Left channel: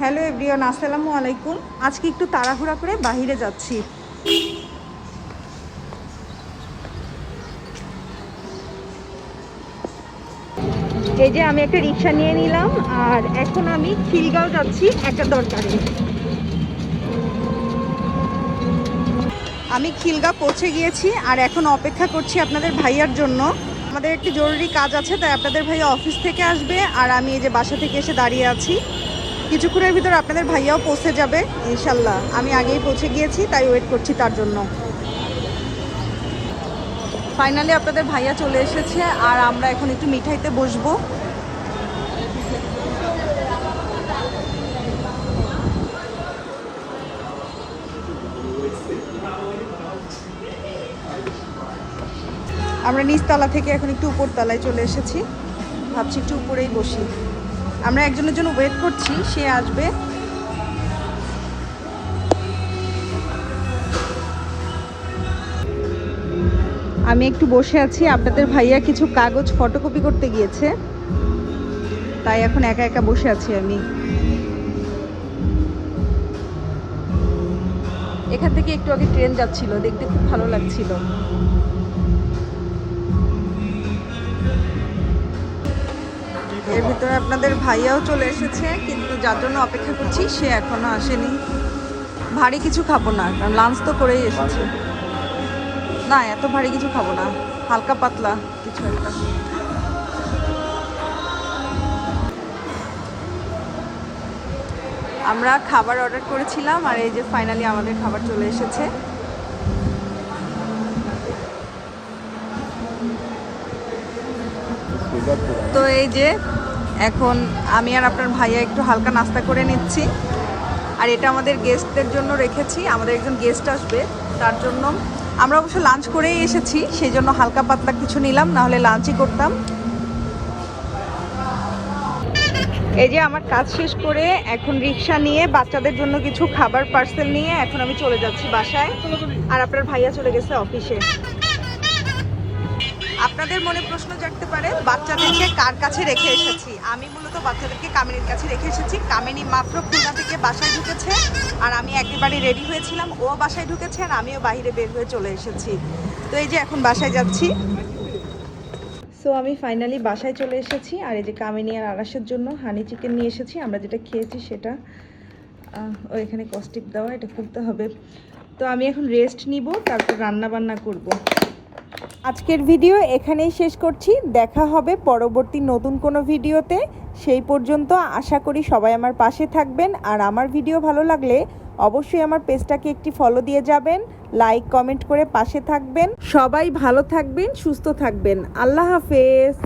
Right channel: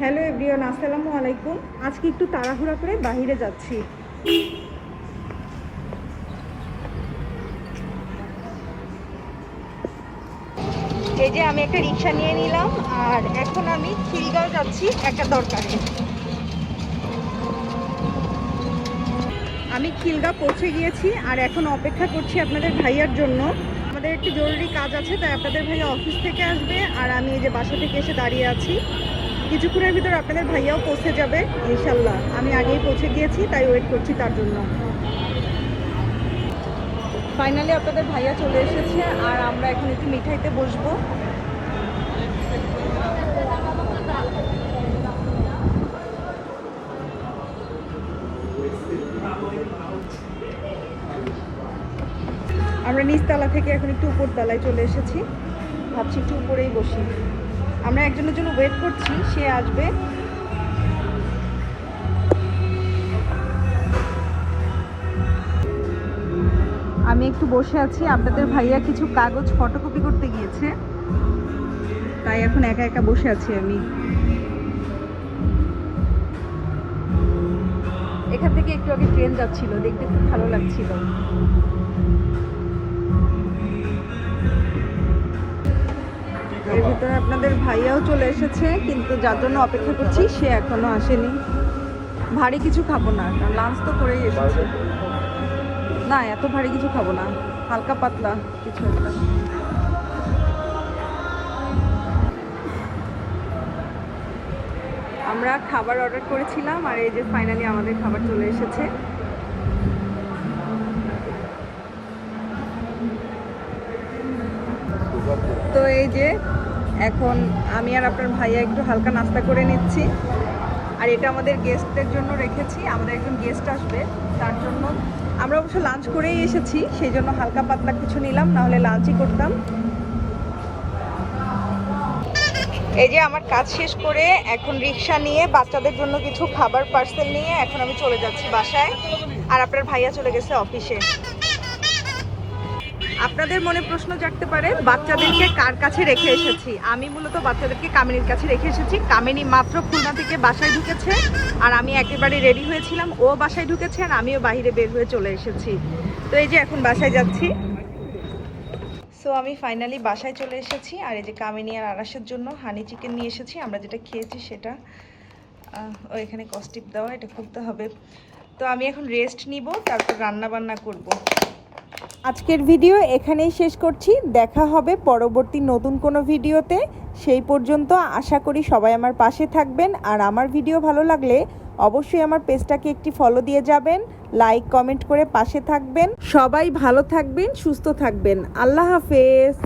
Hello everyone, আসসালামু আলাইকুম। আজকে একটু তাড়াহুড়া করে বাইরে যাচ্ছি। এই যে আমি একটা রিক্সা নিয়ে নিলাম, আর এখন আমি খিলগাঁও যাচ্ছি একটা দরকারে। আমি খিলগাঁও পৌঁছে গিয়েছি, আর এখন অপেক্ষা করছি আপনাদের ভাইয়ার জন্য। আমাদের একটি জরুরি কাজ আছে, তাই আপনাদের ভাইয়া অফিস থেকে আসবে, আর আমি এই যে বাসা থেকে এসে দাঁড়িয়ে আছি। কিছুক্ষণের ভিতর আপনাদের ভাইয়াও পৌঁছে যাবে, ইনশাল্লাহ। আমি আগেই পৌঁছে গিয়েছি, তাই ওয়েট করছি তার জন্য। ফাইনালি আপনাদের ভাইয়া চলে এসেছে, আর আমরা এখন একটু মিঠাইতে বসবো। আমরা নিচতলা থেকে এখন একটু উপরতলায় চলে এসেছি। ভাবছি একটু উপরেই বসি। আমরা একজনের জন্য ওয়েট করছি, সে আসবে। আমি একটু বসে আছি, আপনাদের ভাইয়া কিছু কাগজ ফটোকপি করতে গিয়েছে। তাই এখন একা একা বসে আছি আমি। এখান থেকে একটু আগে ট্রেন যাচ্ছিল, দেখতে খুব ভালো লাগছিল। ভিতরে আপনাদের ভাইয়াও চলে এসেছে, কিন্তু যার জন্য অপেক্ষা করছি, সে এখনও আসেনি। ভারী কিছু খাব না, কারণ লাঞ্চ তো করেই এসেছে। না, এত ভারী কিছু খাব না, হালকা পাতলা কিছু একটা। আমরা খাবার অর্ডার করেছিলাম, আর এই যে ফাইনালি আমাদের খাবার চলে এসেছে। তো এই যে এখন আমি আর আপনার ভাইয়া একটু হালকা নাস্তা করে নিচ্ছি। আর এটা আমাদের গেস্টদের জন্য রেখেছি, আমাদের একজন গেস্ট আসবে, তার জন্য। আমরা অবশ্য লাঞ্চ করেই এসেছি, সেই জন্য হালকা পাতলা কিছু নিলাম না হলে লাঞ্চই করতাম। এই যে আমার কাজ শেষ করে এখন রিক্সা নিয়ে বাচ্চাদের জন্য কিছু খাবার পার্সেল নিয়ে এখন আমি চলে যাচ্ছি বাসায়। আর আপনার ভাইয়া চলে গেছে অফিসে আপনাদের মনে প্রশ্ন জাগতে পারে, বাচ্চাদেরকে কার কাছে রেখে এসেছি? আমি মূলত বাচ্চাদেরকে কামিনীর কাছে রেখে এসেছি। কামিনী মাত্র খুলনা থেকে বাসায় ঢুকেছে আর আমি একেবারে রেডি হয়েছিলাম। ও বাসায় ঢুকেছে আর আমিও বাইরে বের হয়ে চলে এসেছি। তো এই যে এখন বাসায় যাচ্ছি। সো আমি ফাইনালি বাসায় চলে এসেছি আর এই যে কামিনী আর আরাসের জন্য হানি চিকেন নিয়ে এসেছি। আমরা যেটা খেয়েছি সেটা ও এখানে কস্টিপ দেওয়া, এটা খুলতে হবে। তো আমি এখন রেস্ট নিব, তারপর রান্না বান্না করব। আজকের ভিডিও এখানেই শেষ করছি। দেখা হবে পরবর্তী নতুন কোনো ভিডিওতে। সেই পর্যন্ত আশা করি সবাই আমার পাশে থাকবেন। আর আমার ভিডিও ভালো লাগলে অবশ্যই আমার পেজটাকে একটি ফলো দিয়ে যাবেন। লাইক কমেন্ট করে পাশে থাকবেন। সবাই ভালো থাকবেন, সুস্থ থাকবেন। আল্লাহ হাফেজ।